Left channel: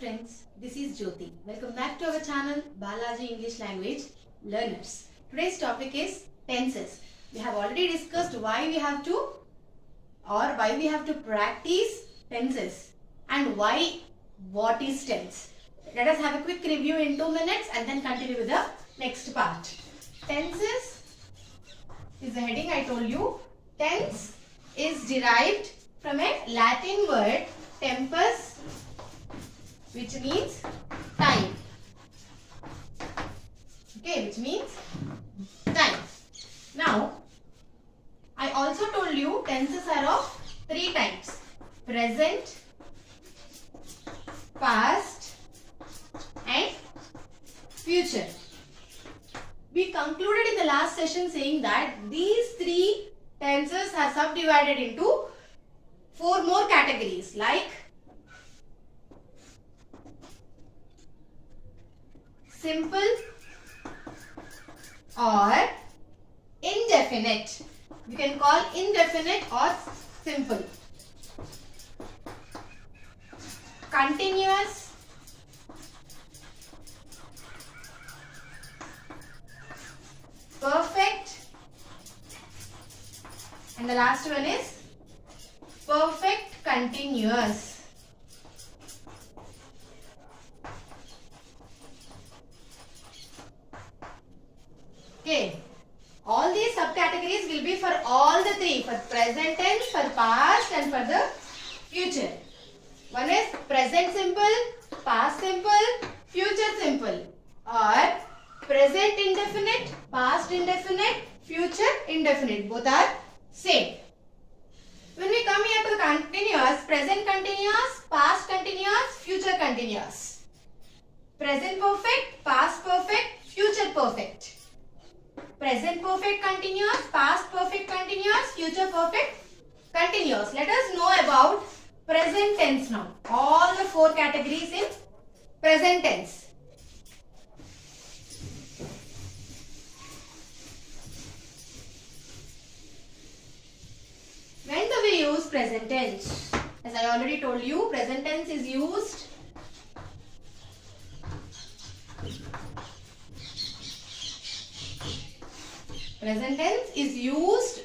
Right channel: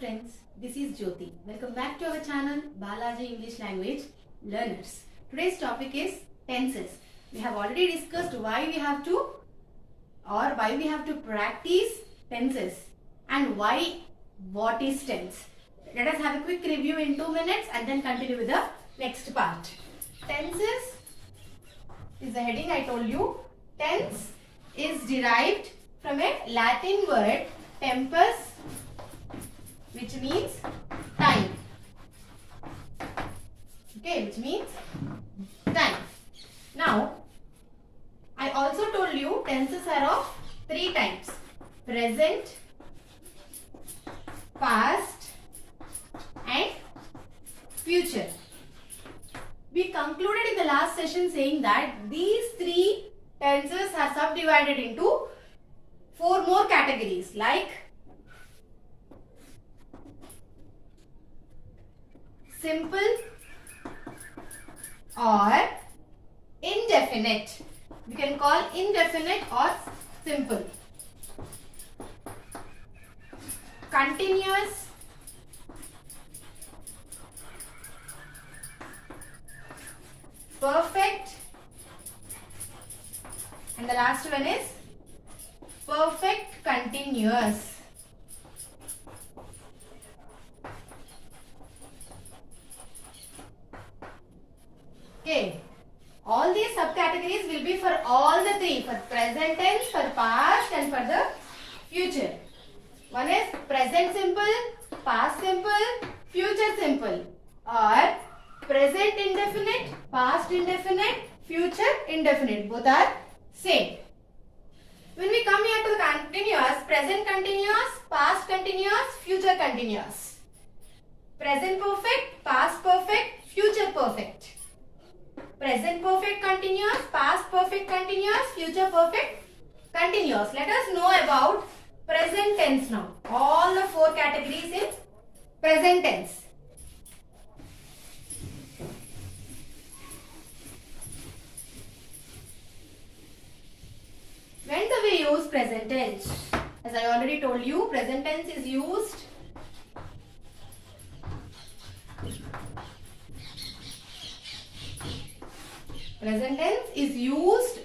friends, this is Jyoti. Welcome back to our channel Balaji English Language Learners. Today's topic is tenses. We have already discussed why we have to practice tenses and what is tense. Let us have a quick review in 2 minutes and then continue with the next part. Tenses is the heading I told you. Tense is derived from a Latin word tempus, which means time. Okay, which means time. Now, I also told you tenses are of 3 types: present, past and future. We concluded in the last session saying that these 3 tenses are subdivided into 4 more categories like simple or indefinite. You can call indefinite or simple. Continuous, perfect, and the last one is perfect continuous. Okay, all these subcategories will be for all the 3, for present tense, for past and for the future. One is present simple, past simple, future simple, or present indefinite, past indefinite, future indefinite. Both are same. When we come here to the continuous, present continuous, past continuous, future continuous. Present perfect, past perfect, future perfect. Present perfect continuous, past perfect continuous, future perfect continuous. Let us know about present tense now. All the 4 categories in present tense. When do we use present tense? As I already told you, present tense is used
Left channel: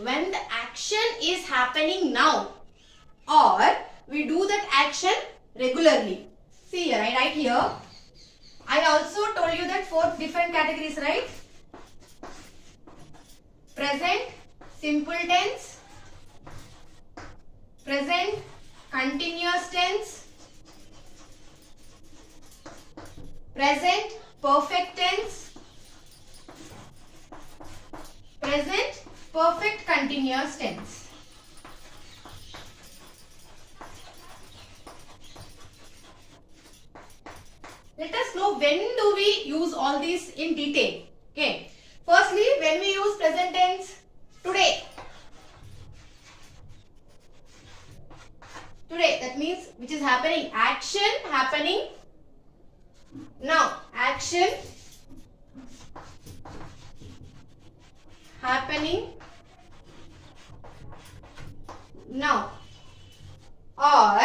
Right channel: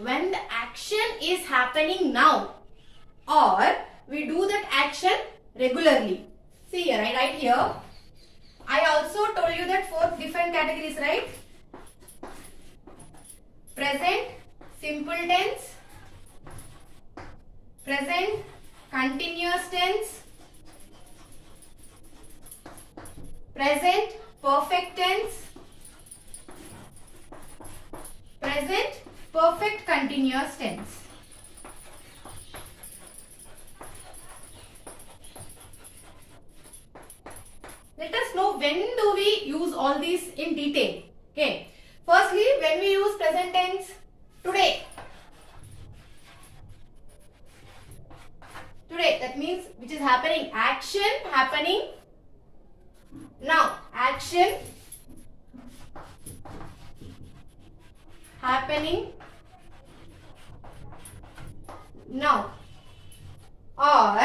when the action is happening now or we do that action regularly. See here, I write here. I also told you that 4 different categories, right? Present simple tense, present continuous tense, present perfect tense, present perfect continuous tense. Let us know when do we use all these in detail. Okay. Firstly, when we use present tense, today. Today, that means which is happening, action happening now. Action happening now. Or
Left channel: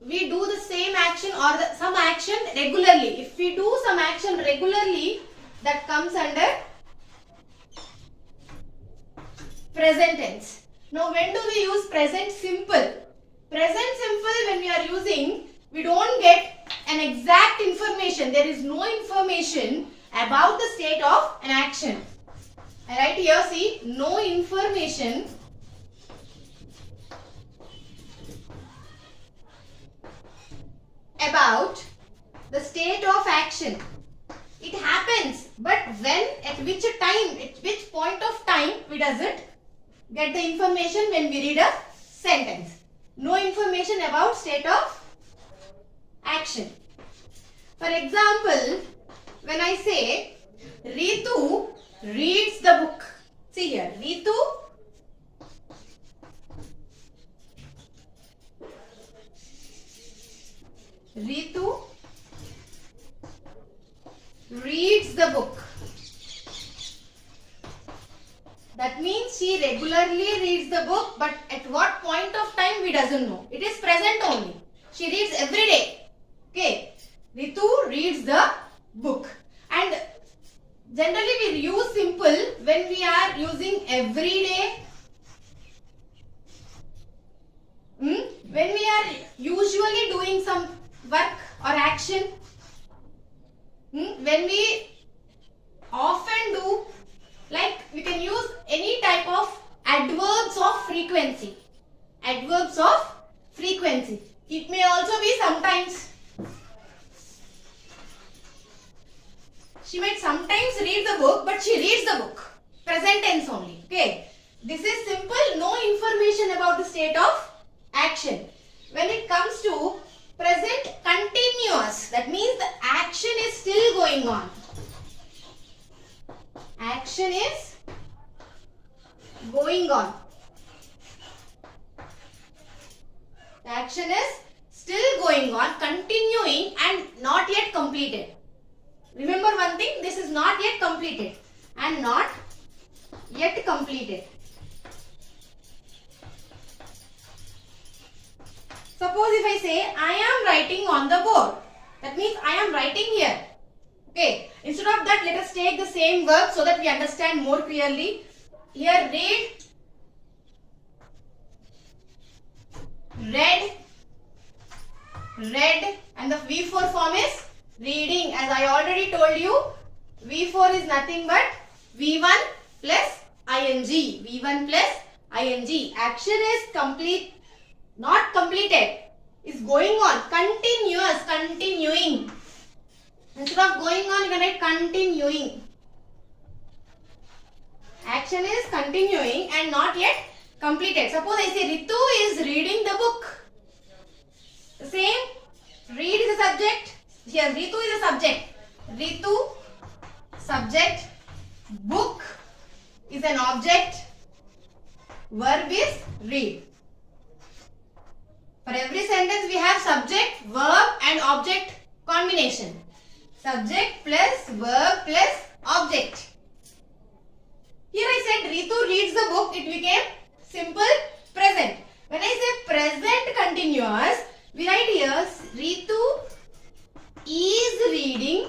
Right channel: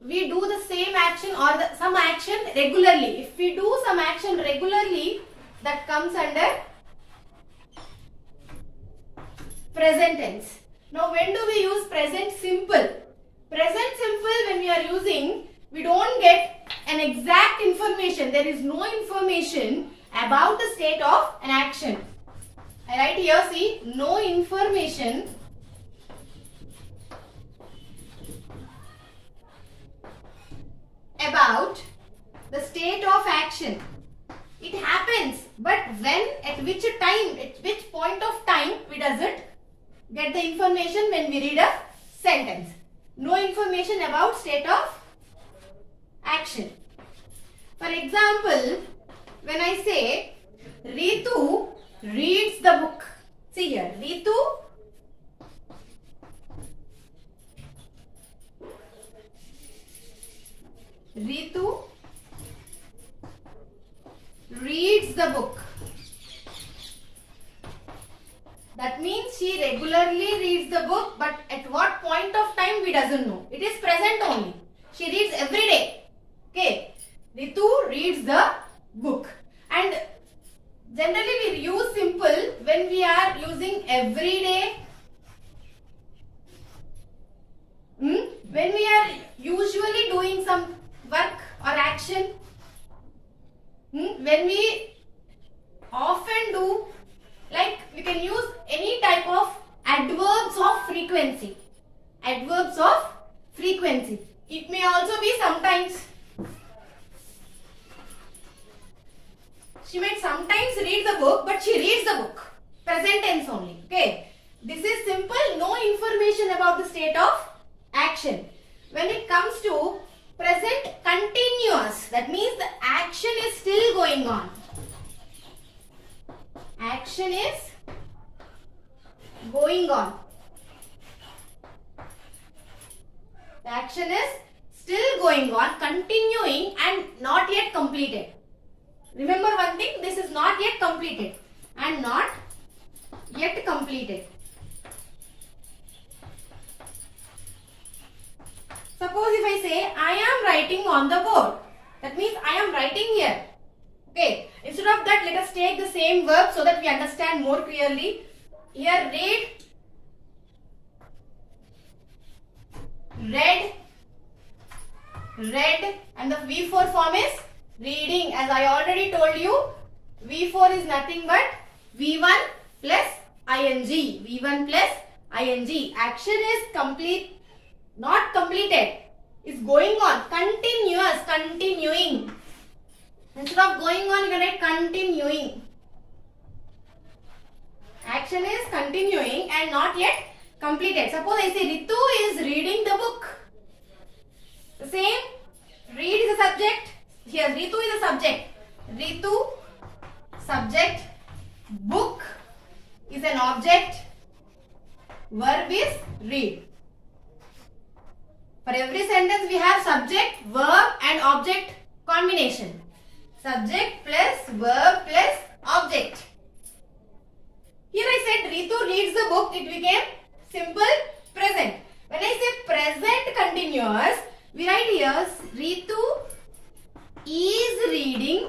we do the same action or some action regularly. If we do some action regularly, that comes under present tense. Now, when do we use present simple? Present simple, when we are using, we don't get an exact information. There is no information about the state of an action. I write here, see, no information about the state of action. It happens, but when, at which time, at which point of time we doesn't get the information when we read a sentence. No information about state of action. For example, when I say Ritu reads the book. See here, Ritu reads the book. That means she regularly reads the book, but at what point of time we doesn't know. It is present only. She reads every day. every day. When we are usually doing some work or action. When we often do, like we can use any type of adverbs of frequency. Adverbs of frequency. It may also be sometimes. She might sometimes read the book, but she reads the book. Present tense only. Okay. This is simple. No information about the state of action. When it comes to present continuous, that means the action is still going on. Action is going on. The action is still going on, continuing and not yet completed. Remember one thing, this is not yet completed and not yet completed. Suppose if I say, I am writing on the board. That means I am writing here. Okay. Instead of that, let us take the same verb so that we understand more clearly. Here, read, and the V4 form is reading. As I already told you, V4 is nothing but V1 plus ing. V1 plus ing. Action is complete, not completed. Is going on. Continuous, continuing. Instead of going on, you can write continuing. Action is continuing and not yet completed. Suppose I say Ritu is reading the book. The same. Read is a subject. Here Ritu is a subject. Ritu, subject. Book is an object. Verb is read. For every sentence we have subject, verb and object combination. Subject plus verb plus object. Here I said Ritu reads the book. It became simple present. When I say present continuous, we write here Ritu is reading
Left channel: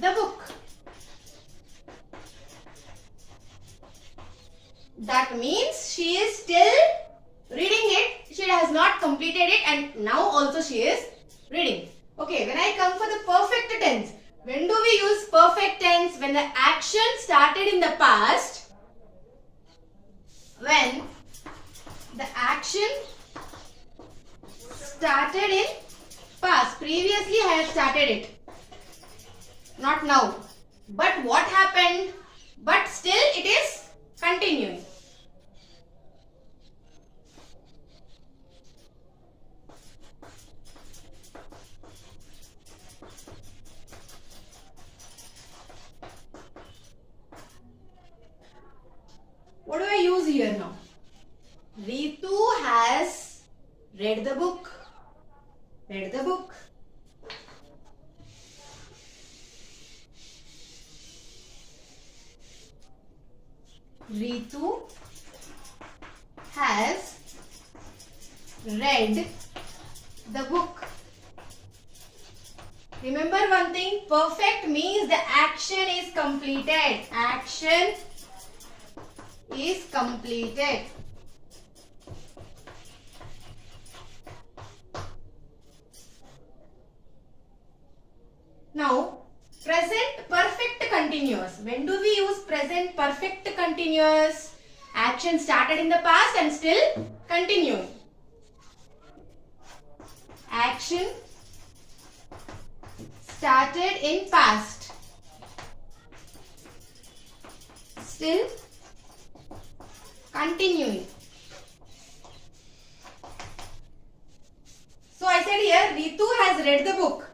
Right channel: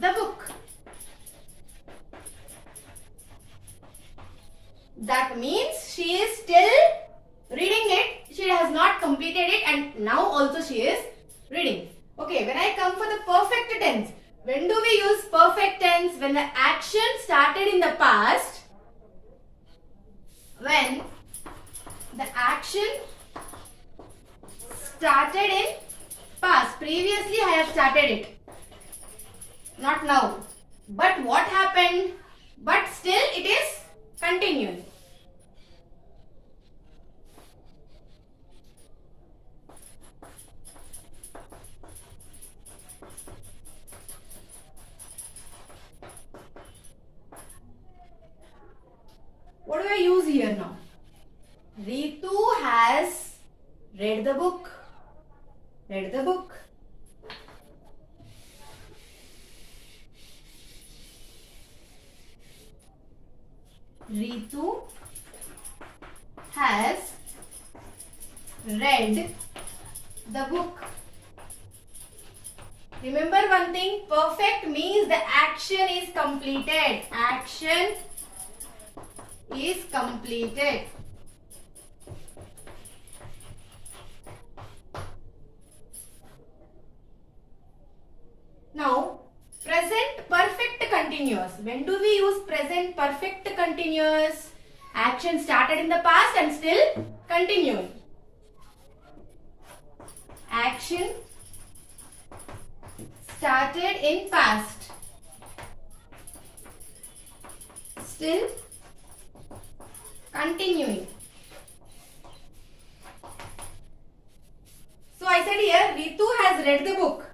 the book. That means she is still reading it. She has not completed it and now also she is reading. Okay, when I come for the perfect tense, when do we use perfect tense? When the action started in the past. When the action started in past. Previously I have started it. Not now. But what happened? But still it is continuing. What do I use here now? Ritu has read the book. Read the book. Ritu has read the book. Remember one thing, perfect means the action is completed. Action is completed. Now, present perfect continuous. When do we use present perfect continuous? Action started in the past and still continuing. Action started in past. Still continuing. So I said here, Ritu has read the book.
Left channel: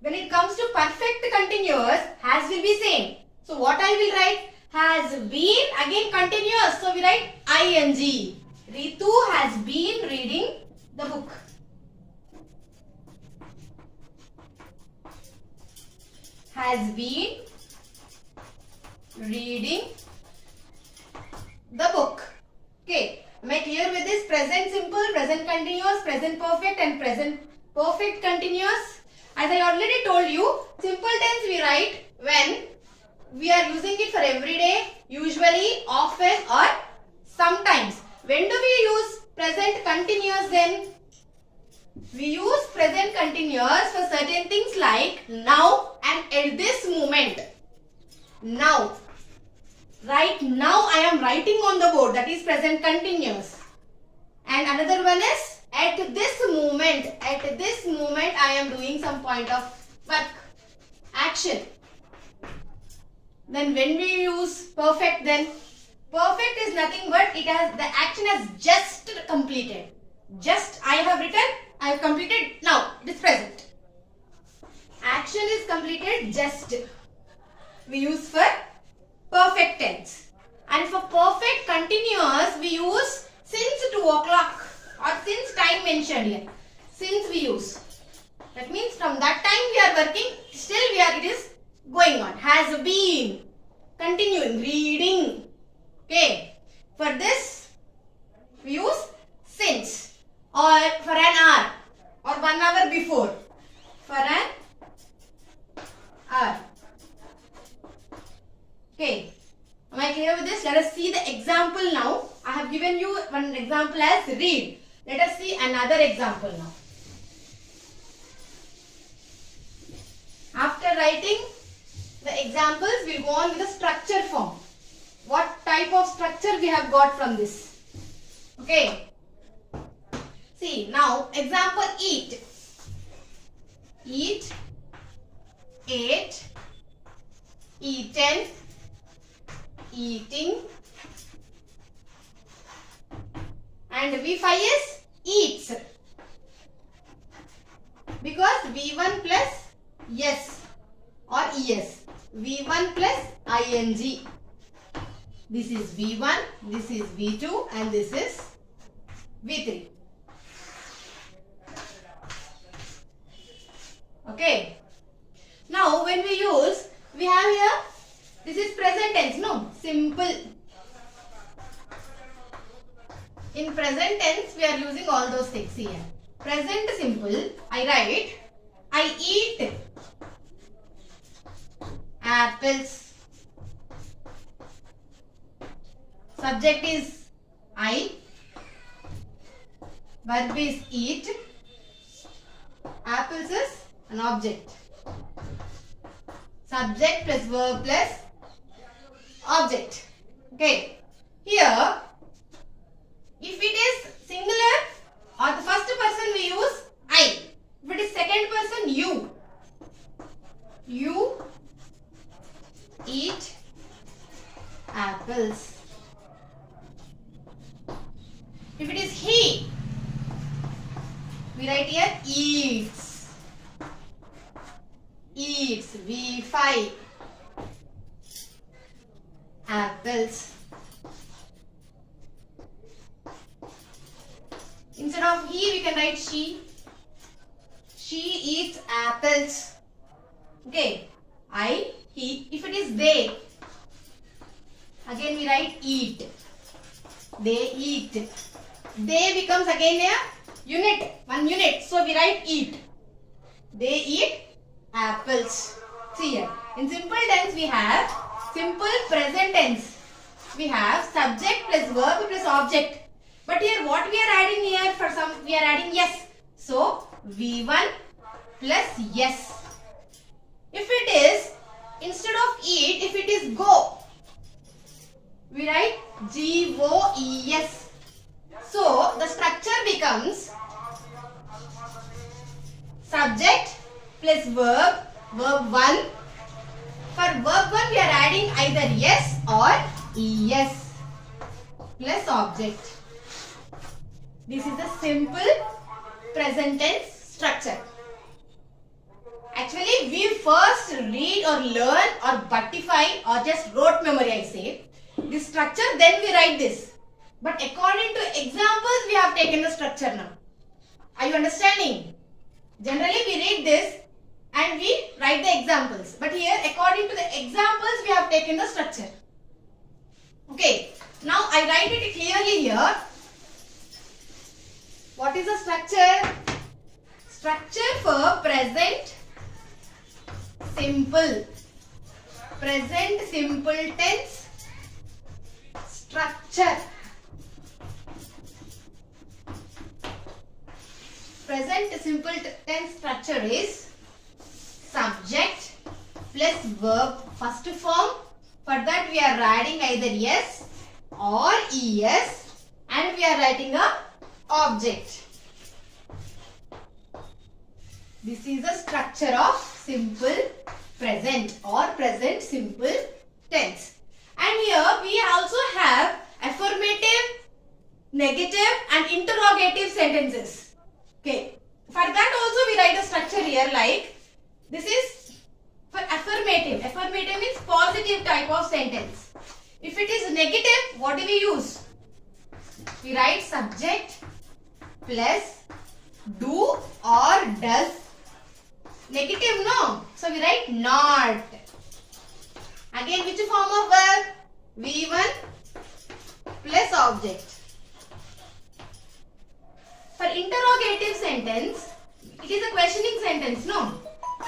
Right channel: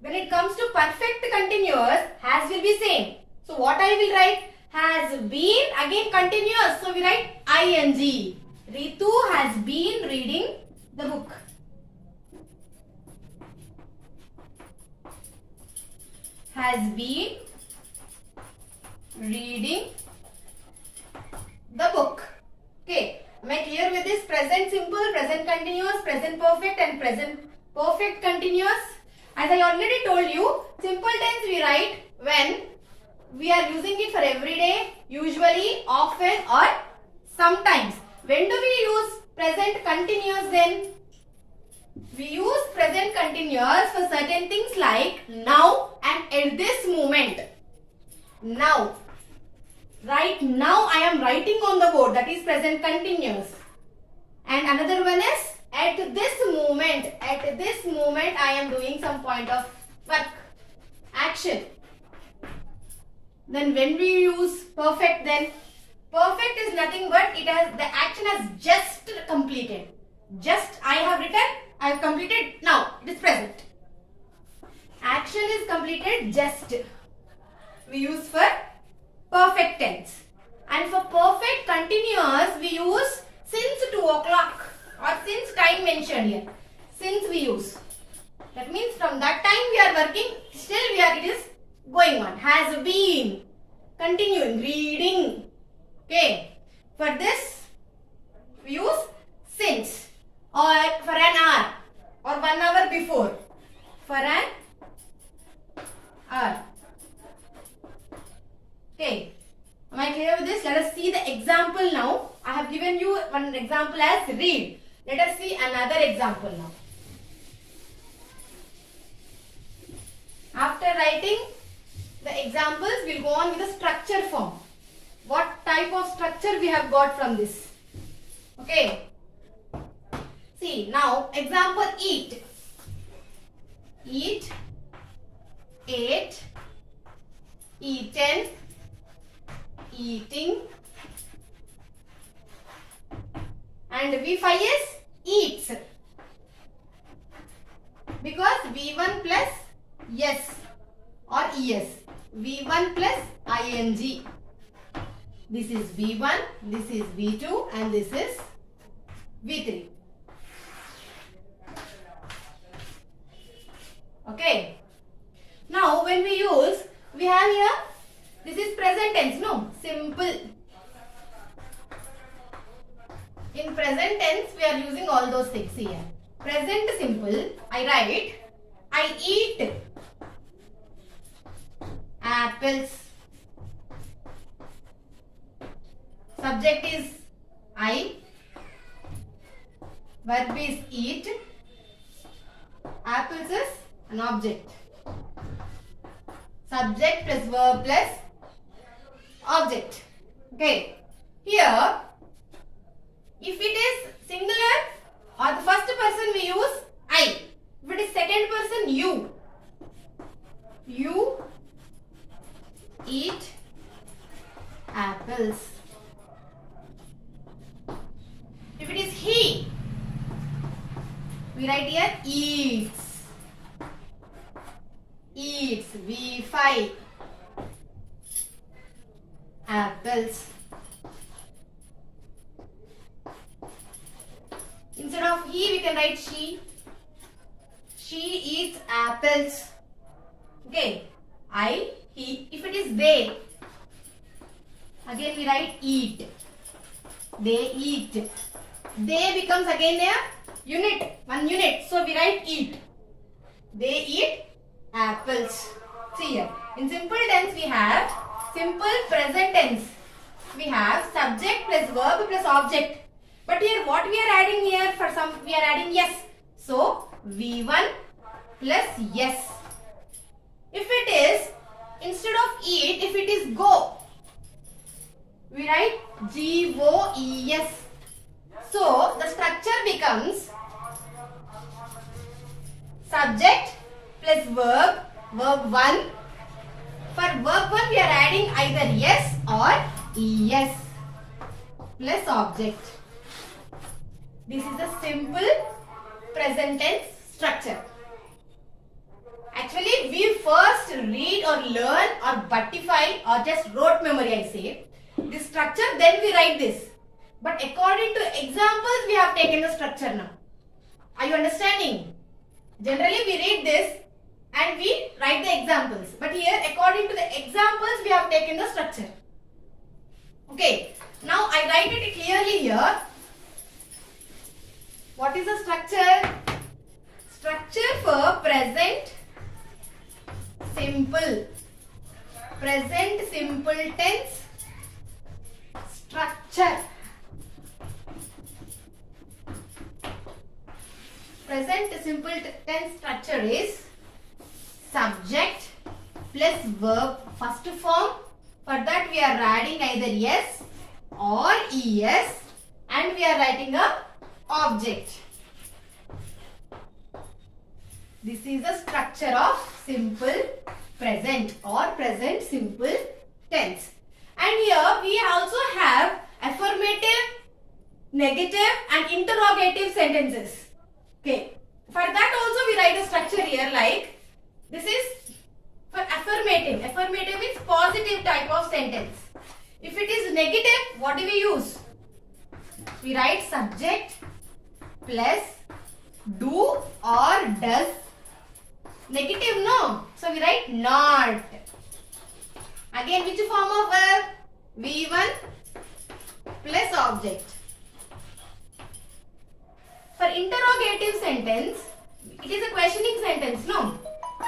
When it comes to perfect continuous, has will be same. So what I will write? Has been, again continuous. So we write ing. Ritu has been reading the book. Has been reading the book. Okay. Am I clear with this? Present simple, present continuous, present perfect and present perfect continuous. As I already told you, simple tense we write when we are using it for every day, usually, often, or sometimes. When do we use present continuous then? We use present continuous for certain things like now and at this moment. Now. Right now I am writing on the board, that is present continuous. And another one is at this moment. At this moment I am doing some point of work, action. Then when we use perfect, then perfect is nothing but the action has just completed. Just I have written, I have completed, now it is present. Action is completed just. We use for perfect tense. And for perfect continuous we use since 2 o'clock or since time mentioned here. Since we use. That means from that time we are working, still it is going on. Has been. Continuing. Reading. Okay. For this we use since. Or for an hour. Or 1 hour before. For an hour. Okay. Am I clear with this? Let us see the example now. I have given you one example as read. Let us see another example now. After writing the examples, we will go on with the structure form. What type of structure we have got from this? Okay. See, now example eat. Eat, ate, eaten, eating, and V5 is eats, because V1 plus yes or es, V1 plus ing. This is V1, this is V2 and this is V3. Okay. Now when we use, we have here, this is present tense, no? Simple. In present tense, we are using all those things here. Present simple, I write, I eat apples. Subject is I. Verb is eat. Apples is an object. Subject plus verb plus object. Okay. Here, if it is singular or the first person we use I. If it is second person you. You eat apples. If it is he, we write here eats. Eats, V5. Apples. Instead of he, we can write she. She eats apples. Okay. I, he. If it is they, again we write eat. They eat. They becomes again a unit, one unit. So we write eat. They eat apples. See here. In simple tense we have simple present tense. We have subject plus verb plus object. But here what we are adding here, for some we are adding yes. So V1 plus yes. If it is instead of eat, if it is go, we write G-O-E-S. So the structure becomes subject plus verb, verb 1. For verb 1 we are adding either yes or es plus object. This is a simple present tense structure. Actually we first read or learn or buttify or just rote memory, I say, this structure, then we write this. But according to examples we have taken the structure now. Are you understanding? Generally we read this and we write the examples. But here according to the examples we have taken the structure. Okay. Now I write it clearly here. What is the structure? Structure for present simple. present simple tense structure. Present simple tense structure is subject plus verb first form. For that we are adding either yes or es and we are writing a object. This is the structure of simple present or present simple tense. And here we also have affirmative, negative and interrogative sentences. Okay. For that also we write a structure here like this is for affirmative. Affirmative means positive type of sentence. If it is negative, what do we use? We write subject plus do or does. Negative no. So we write not. Again which form of verb? V1 plus object. For interrogative sentence, it is a questioning sentence, no?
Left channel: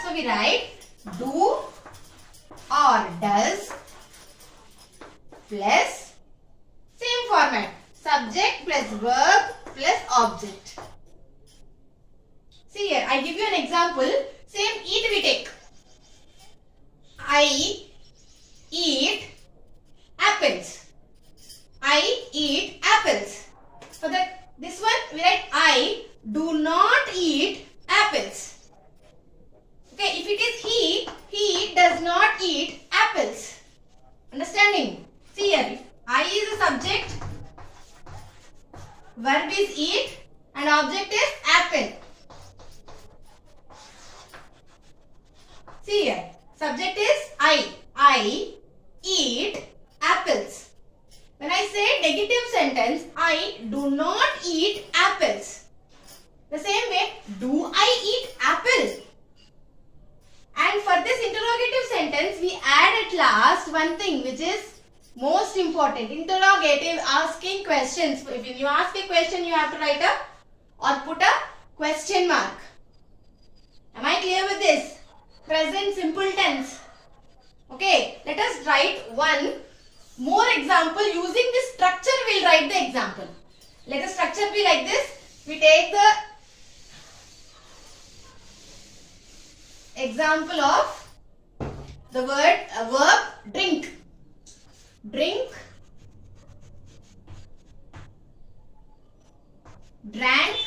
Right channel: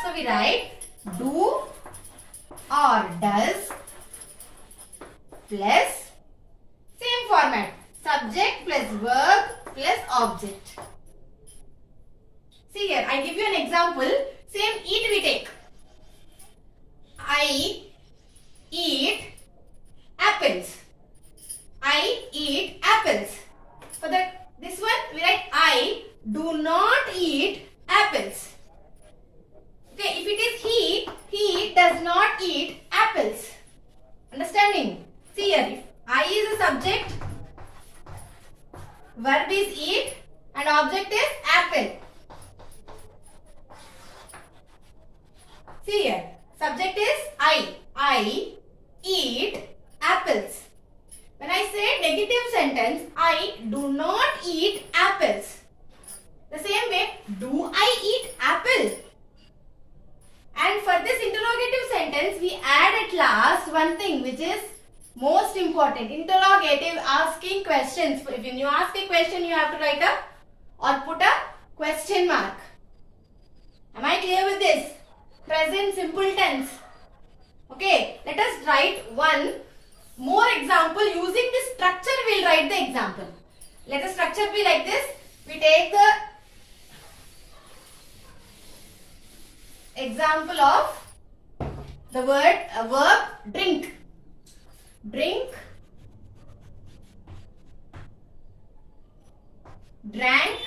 So we write do or does plus same format. Subject plus verb plus object. See here, I give you an example. Same eat we take. I eat apples. I eat apples. For that, this one we write I do not eat apples. Okay, if it is he does not eat apples. Understanding? See here, if I is a subject, verb is eat and object is apple. See here, subject is I eat apples. When I say negative sentence, I do not eat apples. The same way, do I eat apple? And for this interrogative sentence, we add at last one thing which is most important. Interrogative, asking questions. If you ask a question, you have to write a or put a question mark. Am I clear with this? Present simple tense. Okay, let us write one more example. Using this structure, we will write the example. Let the structure be like this. We take the example of the verb drink. Drink, drank,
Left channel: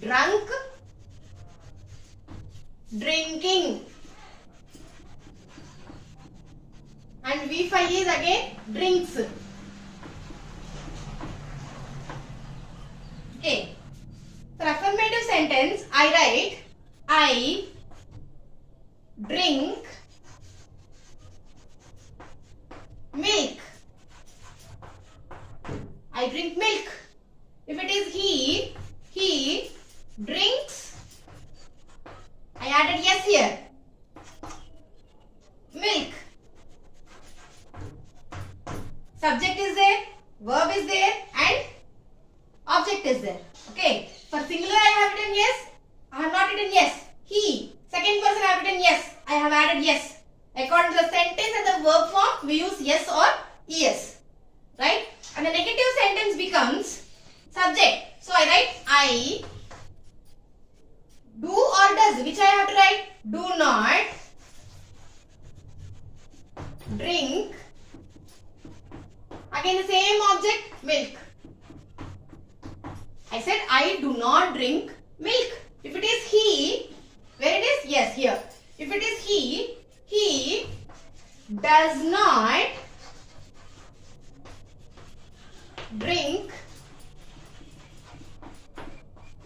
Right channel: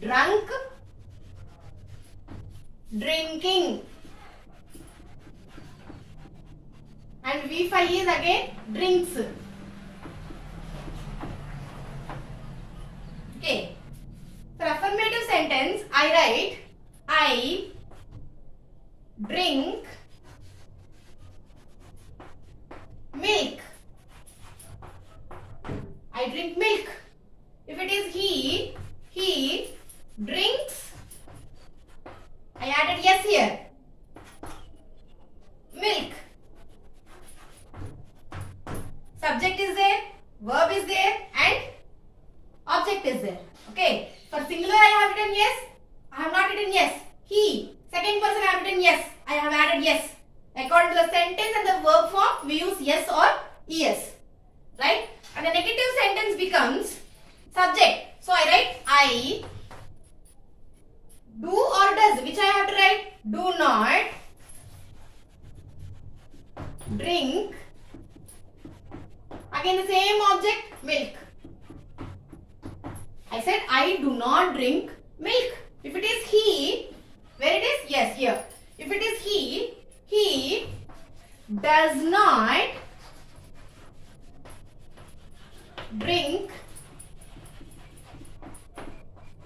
drunk, drinking. And V5 is again drinks. Okay. For affirmative sentence, I write I drink milk. I drink milk. If it is he drinks. I added yes here. Milk. Subject is there, verb is there and object is there. Okay. For singular I have written yes. I have not written yes. He. Second person I have written yes. I have added yes. According to the sentence and the verb form, we use yes or es. Right? And the negative sentence becomes subject. So I write I do or does. Which I have to write? Do not drink. Again the same object, milk. I said I do not drink milk. If it is he, where it is? Yes, here. If it is he does not drink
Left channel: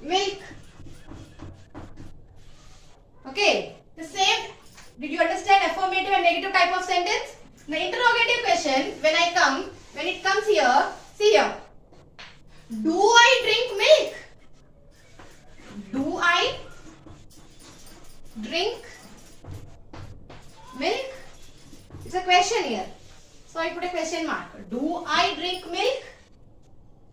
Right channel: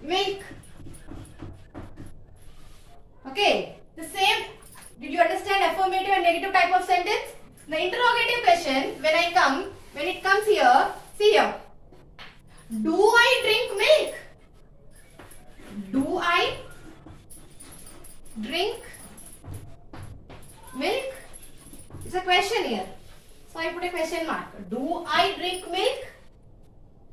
milk. Okay. The same. Did you understand affirmative and negative type of sentence? The interrogative question, when it comes here, see here. Do I drink milk? Do I drink milk? It's a question here. So I put a question mark. Do I drink milk?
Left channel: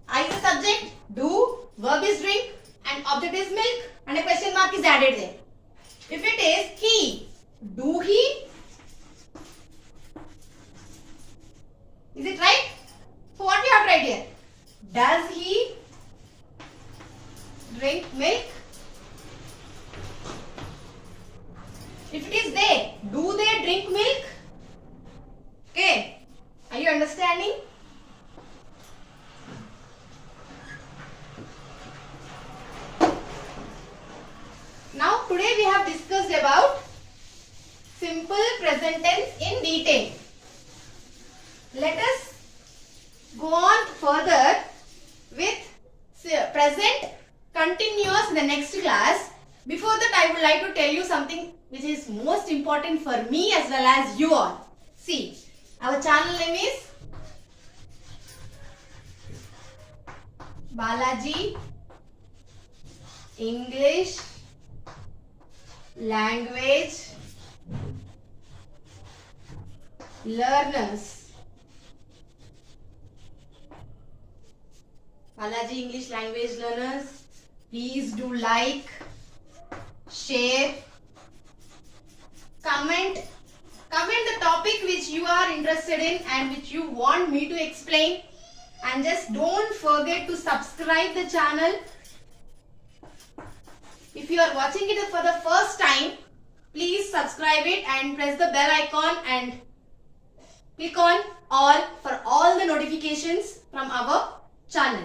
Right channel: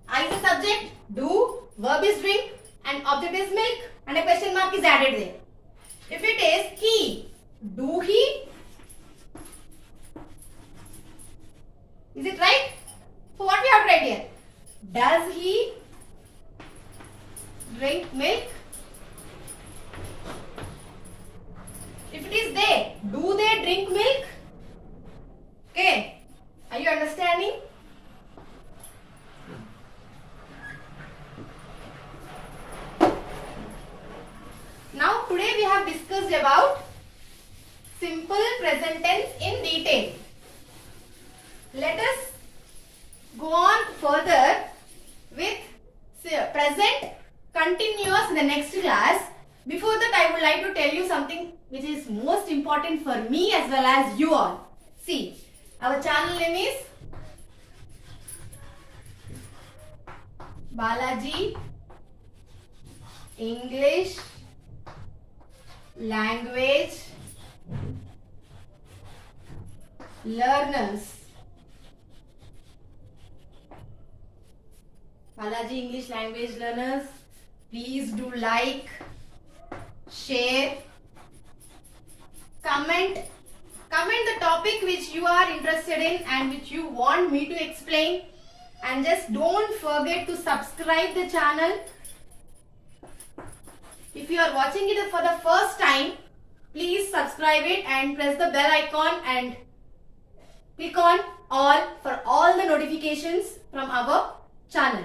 I is the subject. Do, verb is drink and object is milk and a question mark is added there. If it is Do he? Is it right? So what we have to write here? Does he drink milk? If it is they, do they drink milk? Okay. Are you understanding? Now today we have discussed about simple present tense in detail. Let us go on further with present continuous in the next class. Before that, I would like to tell you something which is most important for me as well as you all. See, our channel name is Balaji English Language Learners. Balaji English Language Learners, please do like, share, comment the topic which you are interested in and which you want me to explain, and just don't forget to subscribe the channel. If you are watching it for the first time, please subscribe it and press the bell icon and click on all for all the notifications from our channel.